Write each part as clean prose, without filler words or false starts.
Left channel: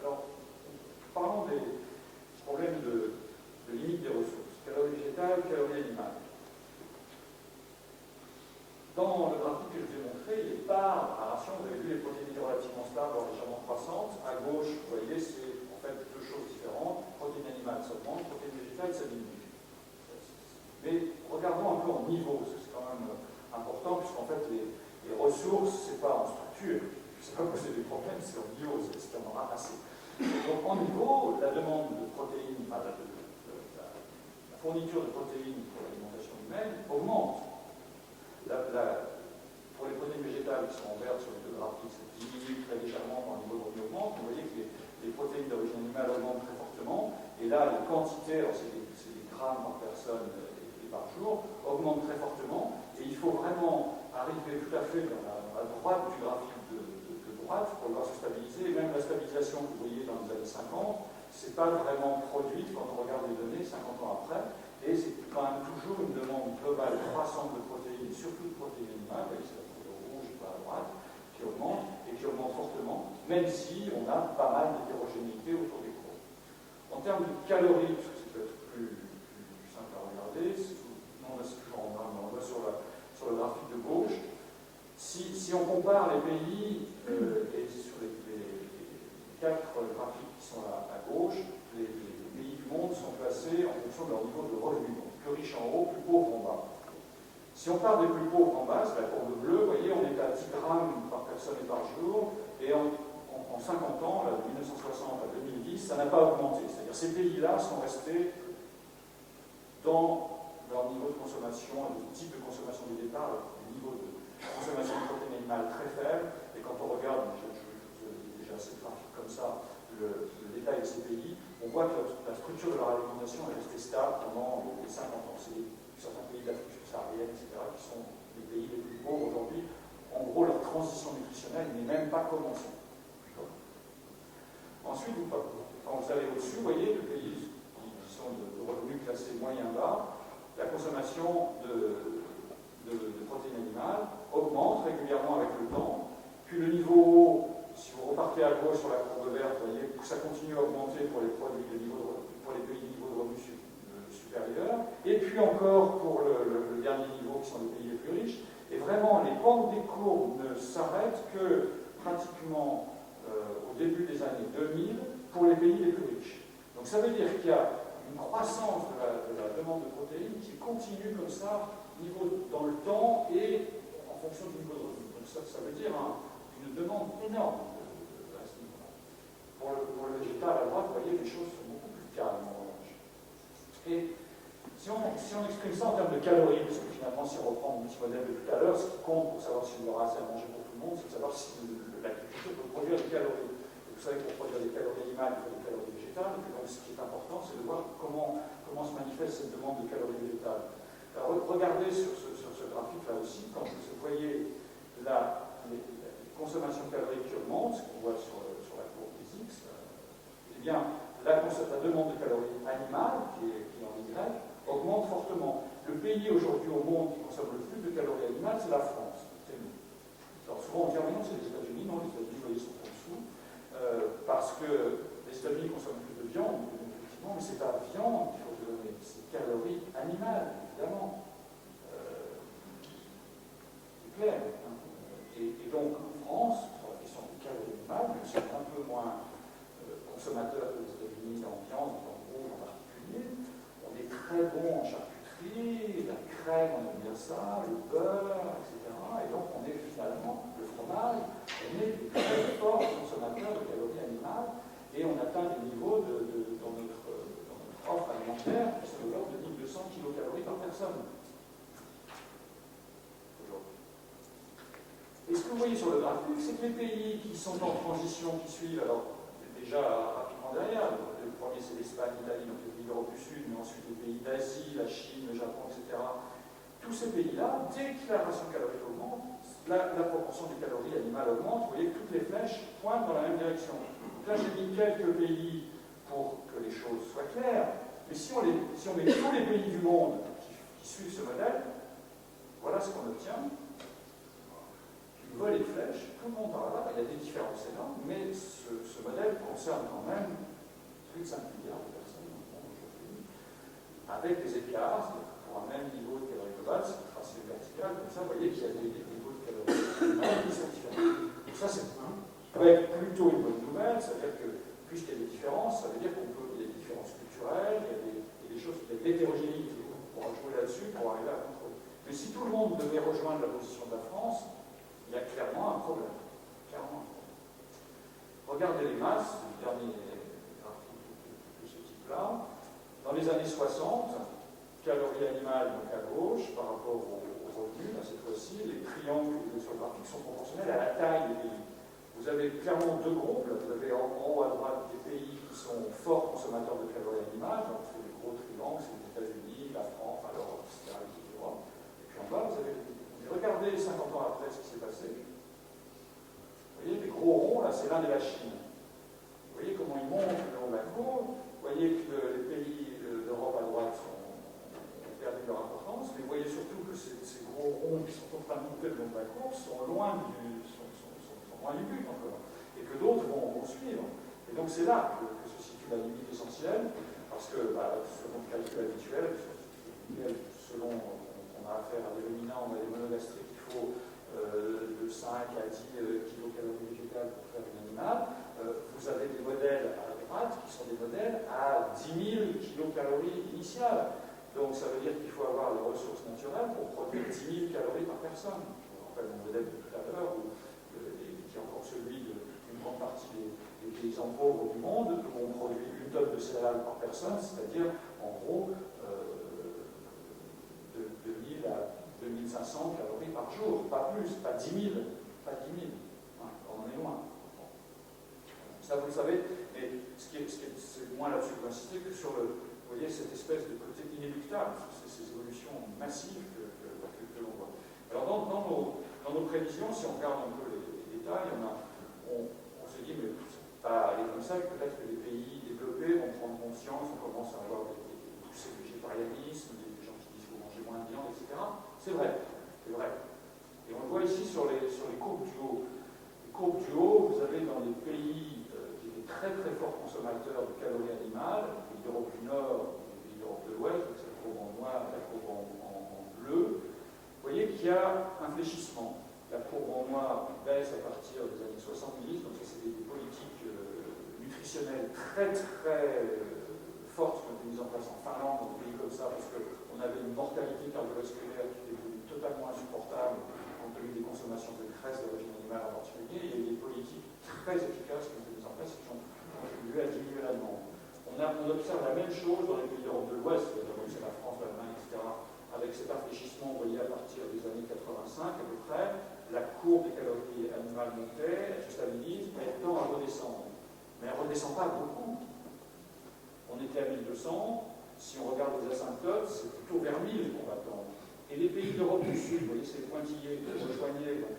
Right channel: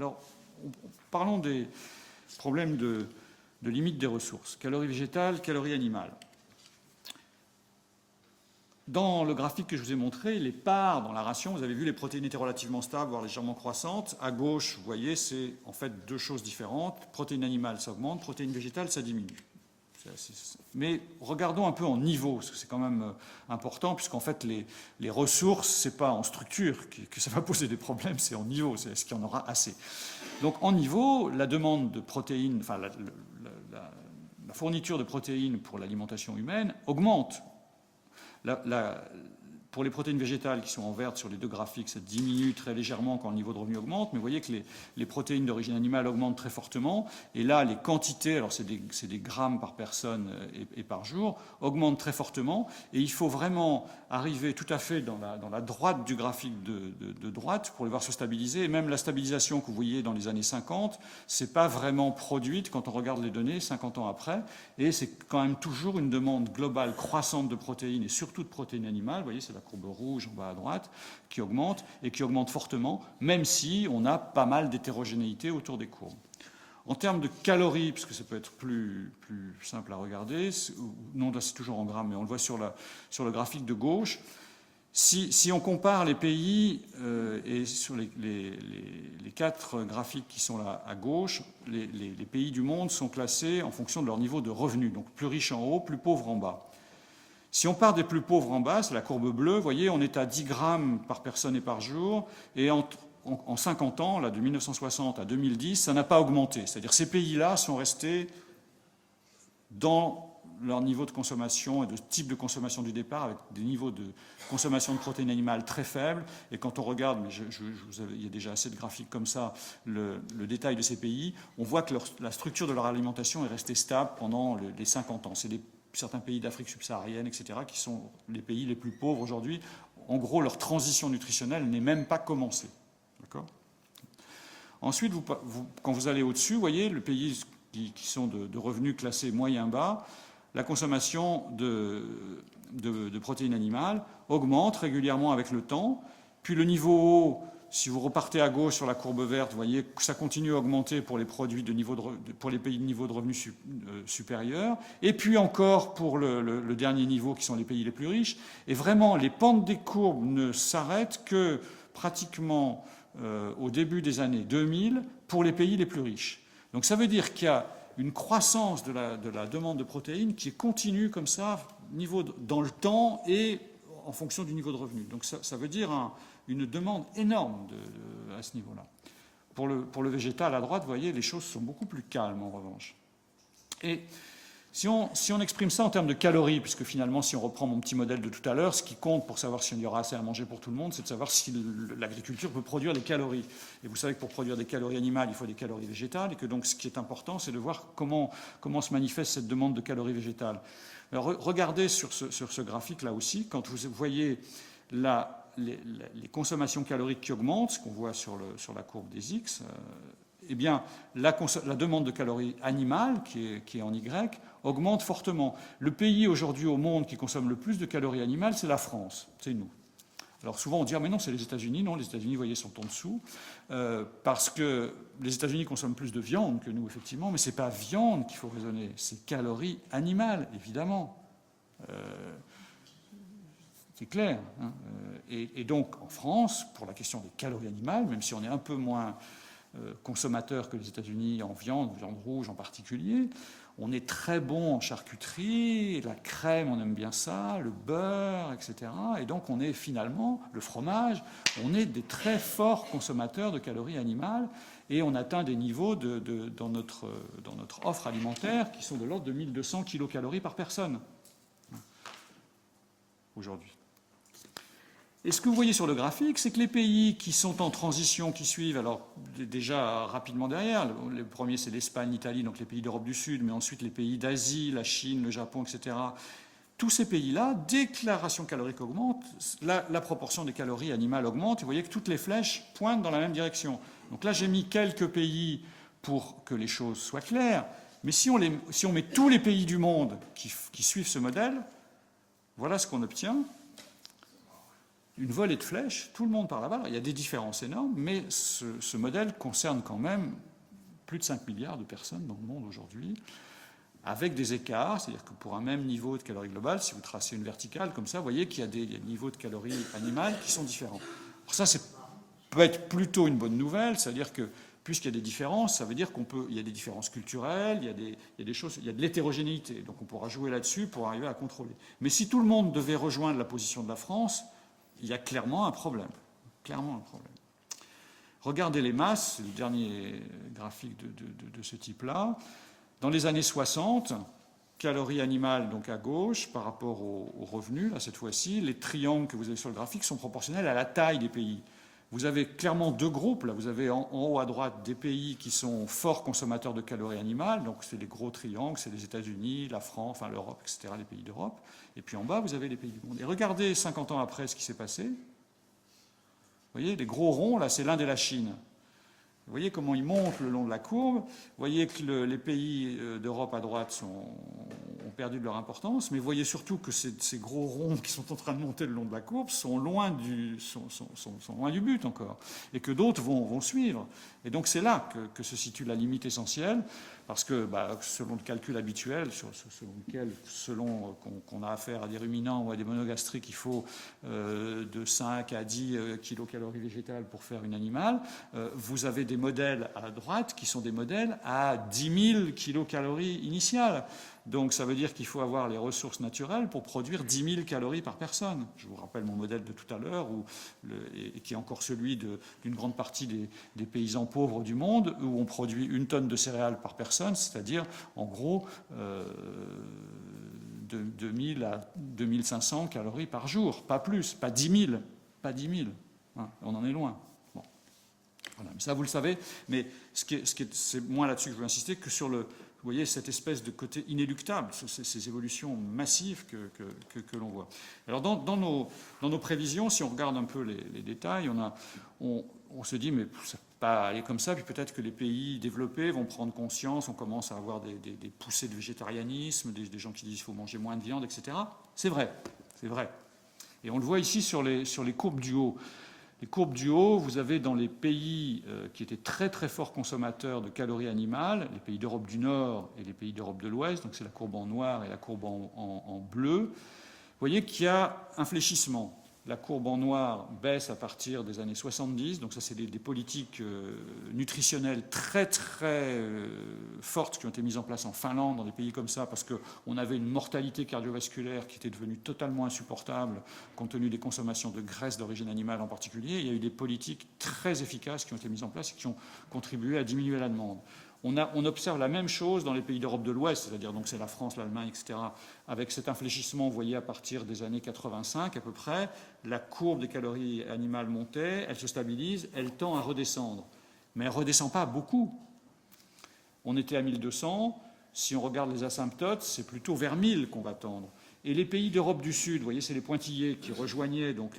Alors, parlons des problèmes de limite des ressources. Calories végétales, calories animales. Dans le graphique que je vous ai montré, les parts dans la ration, vous avez vu les protéines étaient relativement stables, voire légèrement croissantes. À gauche, vous voyez, c'est en fait deux choses différentes. Protéines animales, ça augmente, protéines végétales, ça diminue. Mais regardons un peu en niveau, parce que c'est quand même important, puisqu'en fait, les ressources, c'est pas en structure que ça va poser des problèmes, c'est en niveau, c'est est-ce qu'il y en aura assez. Donc en niveau, la demande de protéines, enfin la fourniture de protéines pour l'alimentation humaine augmente. Pour les protéines végétales qui sont en vert sur les deux graphiques, ça diminue très légèrement quand le niveau de revenu augmente, mais vous voyez que les protéines d'origine animale augmentent très fortement, et là les quantités, alors c'est des grammes par personne et par jour, augmentent très fortement, et il faut vraiment arriver tout à fait dans la droite du graphique de droite pour le voir se stabiliser, et même la stabilisation que vous voyez dans les années 50, c'est pas vraiment produite quand on regarde les données 50 ans après, et c'est quand même toujours une demande globale croissante de protéines, et surtout de protéines animales, vous voyez c'est la courbe rouge en bas à droite, qui augmente, et qui augmente fortement, même si on a pas mal d'hétérogénéité autour des courbes. En termes de calories, parce que ça peut être plus simple à regarder, non là c'est toujours en grammes, mais on le voit sur le graphique de gauche, si on compare les pays, et sur les quatre graphiques qui sont là à gauche, les pays du monde sont classés en fonction de leur niveau de revenu, donc plus riches en haut, plus pauvres en bas. Si on part des plus pauvres en bas, c'est la courbe bleue, vous voyez, on est à 10 grammes par personne et par jour, et en 50 ans, là, de 1960 à 2010, ça n'a pas augmenté. C'est-à-dire que ces pays-là sont restés dans leur niveau de consommation et de type de consommation du départ, avec des niveaux de consommation de protéines animales très faibles. Et quand on regarde, il y a déjà assez de graphiques comme ça, le détail de ces pays, on voit que la structure de leur alimentation est restée stable pendant les 50 ans. C'est certains pays d'Afrique subsaharienne, etc., qui sont les pays les plus pauvres aujourd'hui. En gros, leur transition nutritionnelle n'est même pas commencée. D'accord ? Ensuite, quand vous allez au-dessus, vous voyez, les pays qui sont de revenus classés moyen-bas, la consommation de protéines animales augmente régulièrement avec le temps, puis le niveau haut, si vous repartez à gauche sur la courbe verte, vous voyez que ça continue à augmenter pour les produits pour les pays de niveau de revenus supérieur, et puis encore pour le dernier niveau qui sont les pays les plus riches, et vraiment les pentes des courbes ne s'arrêtent que pratiquement au début des années 2000 pour les pays les plus riches. Donc ça veut dire qu'il y a une croissance de la demande de protéines qui est continue comme ça, dans le temps et en fonction du niveau de revenu. Donc ça veut dire une demande énorme à ce niveau-là. Pour le végétal à droite, vous voyez, les choses sont beaucoup plus calmes en revanche. Et si on exprime ça en termes de calories, puisque finalement, si on reprend mon petit modèle de tout à l'heure, ce qui compte pour savoir s'il y aura assez à manger pour tout le monde, c'est de savoir si l'agriculture peut produire des calories. Et vous savez que pour produire des calories animales, il faut des calories végétales, et que donc ce qui est important, c'est de voir comment se manifeste cette demande de calories végétales. Alors regardez sur ce graphique-là aussi, quand vous voyez les consommations caloriques qui augmentent, ce qu'on voit sur la courbe des X, eh bien, la demande de calories animales, qui est en Y, augmente fortement. Le pays aujourd'hui au monde qui consomme le plus de calories animales, c'est la France, c'est nous. Alors souvent on dit « Ah mais non, c'est les États-Unis ». Non, les États-Unis, vous voyez, sont en dessous, parce que les États-Unis consomment plus de viande que nous, effectivement, mais ce n'est pas viande qu'il faut raisonner, c'est calories animales, évidemment. C'est clair. Hein. Et donc, en France, pour la question des calories animales, même si on est un peu moins consommateur que les États-Unis en viande rouge en particulier, on est très bon en charcuterie, la crème, on aime bien ça, le beurre, etc. Et donc on est finalement, le fromage, on est des très forts consommateurs de calories animales et on atteint des niveaux dans notre offre alimentaire qui sont de l'ordre de 1200 kilocalories par personne aujourd'hui. Et ce que vous voyez sur le graphique, c'est que les pays qui sont en transition, qui suivent, alors déjà rapidement derrière, le premier c'est l'Espagne, l'Italie, donc les pays d'Europe du Sud, mais ensuite les pays d'Asie, la Chine, le Japon, etc. Tous ces pays-là, dès que la ration calorique augmente, la proportion des calories animales augmente, et vous voyez que toutes les flèches pointent dans la même direction. Donc là j'ai mis quelques pays pour que les choses soient claires, mais si on met tous les pays du monde qui suivent ce modèle, voilà ce qu'on obtient. une volée de flèches, tout le monde par là-bas. Il y a des différences énormes, mais ce modèle concerne quand même plus de 5 milliards de personnes dans le monde aujourd'hui, avec des écarts, c'est-à-dire que pour un même niveau de calories globales, si vous tracez une verticale comme ça, vous voyez qu'il y a des niveaux de calories animales qui sont différents. Alors ça, peut être plutôt une bonne nouvelle, c'est-à-dire que puisqu'il y a des différences, ça veut dire qu'il y a des différences culturelles, il y a des choses, il y a de l'hétérogénéité, donc on pourra jouer là-dessus pour arriver à contrôler. Mais si tout le monde devait rejoindre la position de la France, il y a clairement un problème. Clairement un problème. Regardez les masses, le dernier graphique de ce type-là. Dans les années 60, calories animales donc à gauche par rapport aux revenus, là cette fois-ci, les triangles que vous avez sur le graphique sont proportionnels à la taille des pays. Vous avez clairement deux groupes, là vous avez en haut à droite des pays qui sont forts consommateurs de calories animales, donc c'est des gros triangles, c'est les États-Unis, la France, enfin l'Europe, etc., les pays d'Europe. Et puis en bas, vous avez les pays du monde. Et regardez 50 ans après ce qui s'est passé. Vous voyez, les gros ronds, là, c'est l'Inde et la Chine. Vous voyez comment ils montent le long de la courbe. Vous voyez que les pays d'Europe à droite ont perdu de leur importance, mais vous voyez surtout que ces gros ronds qui sont en train de monter le long de la courbe sont loin du but encore, et que d'autres vont suivre. Et donc c'est là que se situe la limite essentielle, parce que selon le calcul habituel, selon qu'on a affaire à des ruminants ou à des monogastriques, il faut de 5 à 10 kilocalories végétales pour faire une animale, vous avez des modèles à droite qui sont des modèles à 10 000 kilocalories initiales. Donc ça veut dire qu'il faut avoir les ressources naturelles pour produire 10 000 calories par personne. Je vous rappelle mon modèle de tout à l'heure, qui est encore celui d'une grande partie des paysans pauvres du monde, où on produit 1 tonne de céréales par personne, c'est-à-dire en gros de 2000 à 2500 calories par jour, pas plus, pas 10 000, pas 10 000. Hein, on en est loin. Bon. Voilà. Ça vous le savez, mais c'est moins là-dessus que je veux insister que sur vous voyez cette espèce de côté inéluctable, ces évolutions massives que l'on voit. Alors dans nos prévisions, si on regarde un peu les détails, on se dit mais ça ne peut pas aller comme ça, puis peut-être que les pays développés vont prendre conscience, on commence à avoir des poussées de végétarianisme, des gens qui disent qu'il faut manger moins de viande, etc. C'est vrai, c'est vrai. Et on le voit ici sur les courbes du haut. Les courbes du haut, vous avez dans les pays qui étaient très très forts consommateurs de calories animales, les pays d'Europe du Nord et les pays d'Europe de l'Ouest, donc c'est la courbe en noir et la courbe en bleu, vous voyez qu'il y a un fléchissement. La courbe en noir baisse à partir des années 70, donc ça c'est des politiques nutritionnelles très très fortes qui ont été mises en place en Finlande, dans des pays comme ça, parce qu'on avait une mortalité cardiovasculaire qui était devenue totalement insupportable compte tenu des consommations de graisse d'origine animale en particulier. Il y a eu des politiques très efficaces qui ont été mises en place et qui ont contribué à diminuer la demande. On observe la même chose dans les pays d'Europe de l'Ouest, c'est-à-dire donc c'est la France, l'Allemagne, etc., avec cet infléchissement, vous voyez, à partir des années 85 à peu près, la courbe des calories animales montait, elle se stabilise, elle tend à redescendre. Mais elle ne redescend pas beaucoup. On était à 1200, si on regarde les asymptotes, c'est plutôt vers 1000 qu'on va tendre. Et les pays d'Europe du Sud, vous voyez, c'est les pointillés qui rejoignaient donc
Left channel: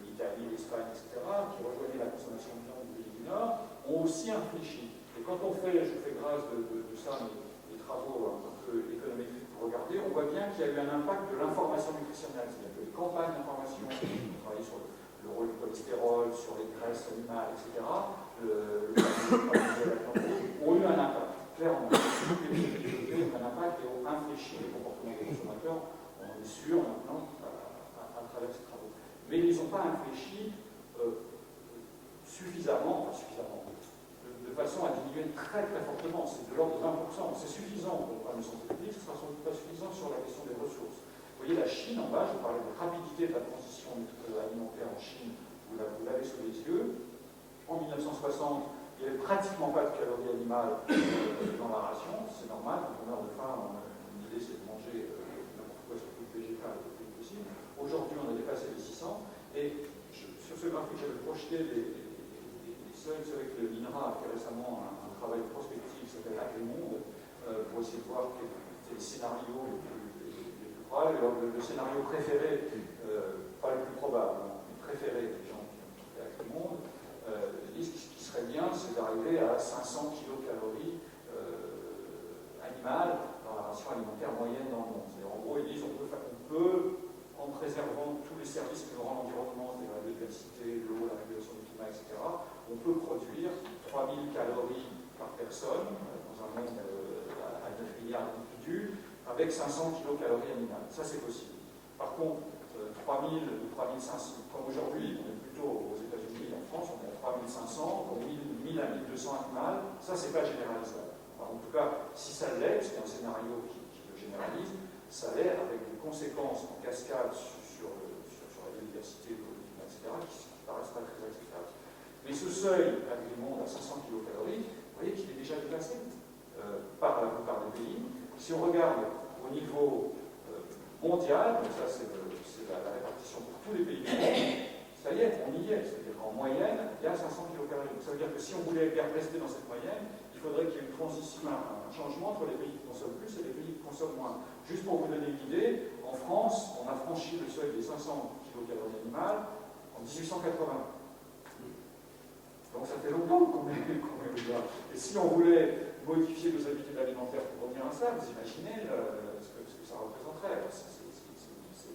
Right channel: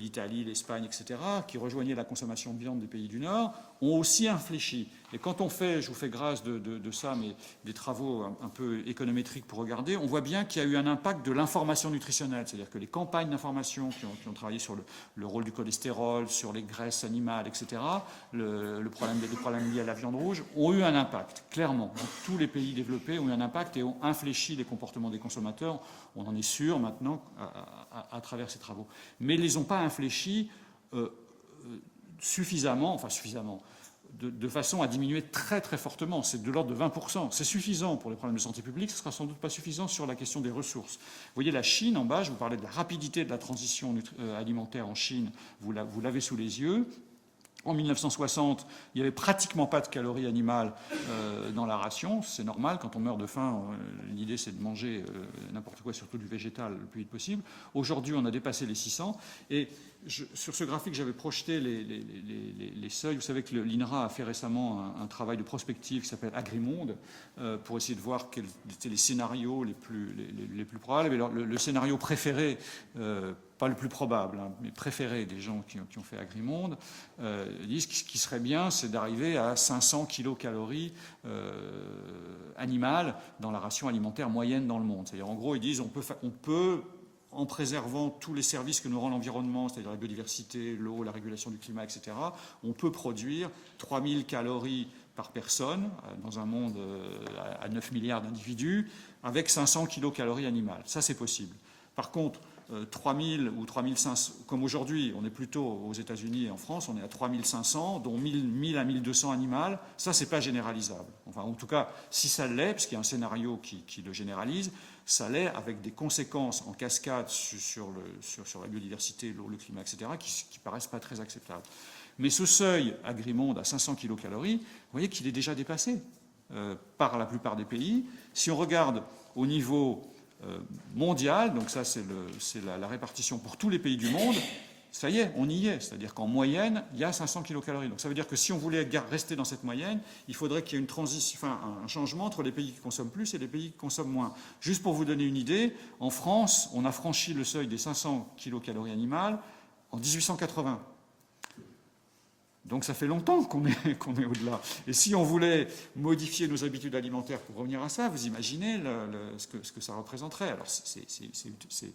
l'Italie, l'Espagne, etc., qui rejoignaient la consommation de viande des pays du Nord, ont aussi infléchi. Et quand on fait, je vous fais grâce de ça, mais des travaux un peu économétriques pour regarder, on voit bien qu'il y a eu un impact de l'information nutritionnelle, c'est-à-dire que les campagnes d'information qui ont travaillé sur le rôle du cholestérol, sur les graisses animales, etc., le problème lié à la viande rouge, ont eu un impact, clairement. Tous les pays développés ont eu un impact et ont infléchi les comportements des consommateurs, on en est sûr maintenant, à travers ces travaux. Mais ils ne les ont pas infléchis suffisamment, de façon à diminuer très très fortement, c'est de l'ordre de 20%. C'est suffisant pour les problèmes de santé publique, ce ne sera sans doute pas suffisant sur la question des ressources. Vous voyez la Chine en bas, je vous parlais de la rapidité de la transition alimentaire en Chine, vous l'avez sous les yeux. En 1960, il n'y avait pratiquement pas de calories animales dans la ration, c'est normal, quand on meurt de faim, l'idée c'est de manger n'importe quoi, surtout du végétal, le plus vite possible. Aujourd'hui, on a dépassé les 600, et sur ce graphique, j'avais projeté les seuils. Vous savez que l'INRA a fait récemment un travail de prospective qui s'appelle Agrimonde pour essayer de voir quels étaient les scénarios les plus probables. Et alors, le scénario préféré, pas le plus probable, hein, mais préféré des gens qui ont fait Agrimonde, disent que ce qui serait bien, c'est d'arriver à 500 kilocalories animales dans la ration alimentaire moyenne dans le monde. C'est-à-dire, en gros, ils disent on peut en préservant tous les services que nous rend l'environnement, c'est-à-dire la biodiversité, l'eau, la régulation du climat, etc., on peut produire 3000 calories par personne dans un monde à 9 milliards d'individus avec 500 kilocalories animales. Ça, c'est possible. Par contre, 3000 ou 3500, comme aujourd'hui, on est plutôt aux États-Unis et en France, on est à 3500, dont 1000 à 1200 animales, ça, c'est pas généralisable. Enfin, en tout cas, si ça l'est, puisqu'il y a un scénario qui le généralise, ça l'est avec des conséquences en cascade sur la biodiversité, l'eau, le climat, etc., qui paraissent pas très acceptables. Mais ce seuil agrimonde à 500 kilocalories, vous voyez qu'il est déjà dépassé par la plupart des pays. Si on regarde au niveau mondial, donc ça c'est la répartition pour tous les pays du monde, ça y est, on y est. C'est-à-dire qu'en moyenne, il y a 500 kilocalories. Donc ça veut dire que si on voulait rester dans cette moyenne, il faudrait qu'il y ait une transition, enfin, un changement entre les pays qui consomment plus et les pays qui consomment moins. Juste pour vous donner une idée, en France, on a franchi le seuil des 500 kilocalories animales en 1880. Donc ça fait longtemps qu'on est au-delà. Et si on voulait modifier nos habitudes alimentaires pour revenir à ça, vous imaginez ce que ça représenterait. Alors c'est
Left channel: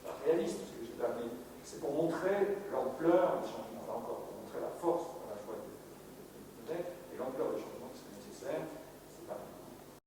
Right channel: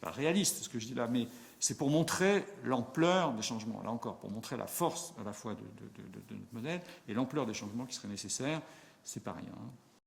pas réaliste ce que je dis là, mais c'est pour montrer l'ampleur des changements. Là encore, pour montrer la force à la fois de notre modèle et l'ampleur des changements qui seraient nécessaires, c'est pas rien.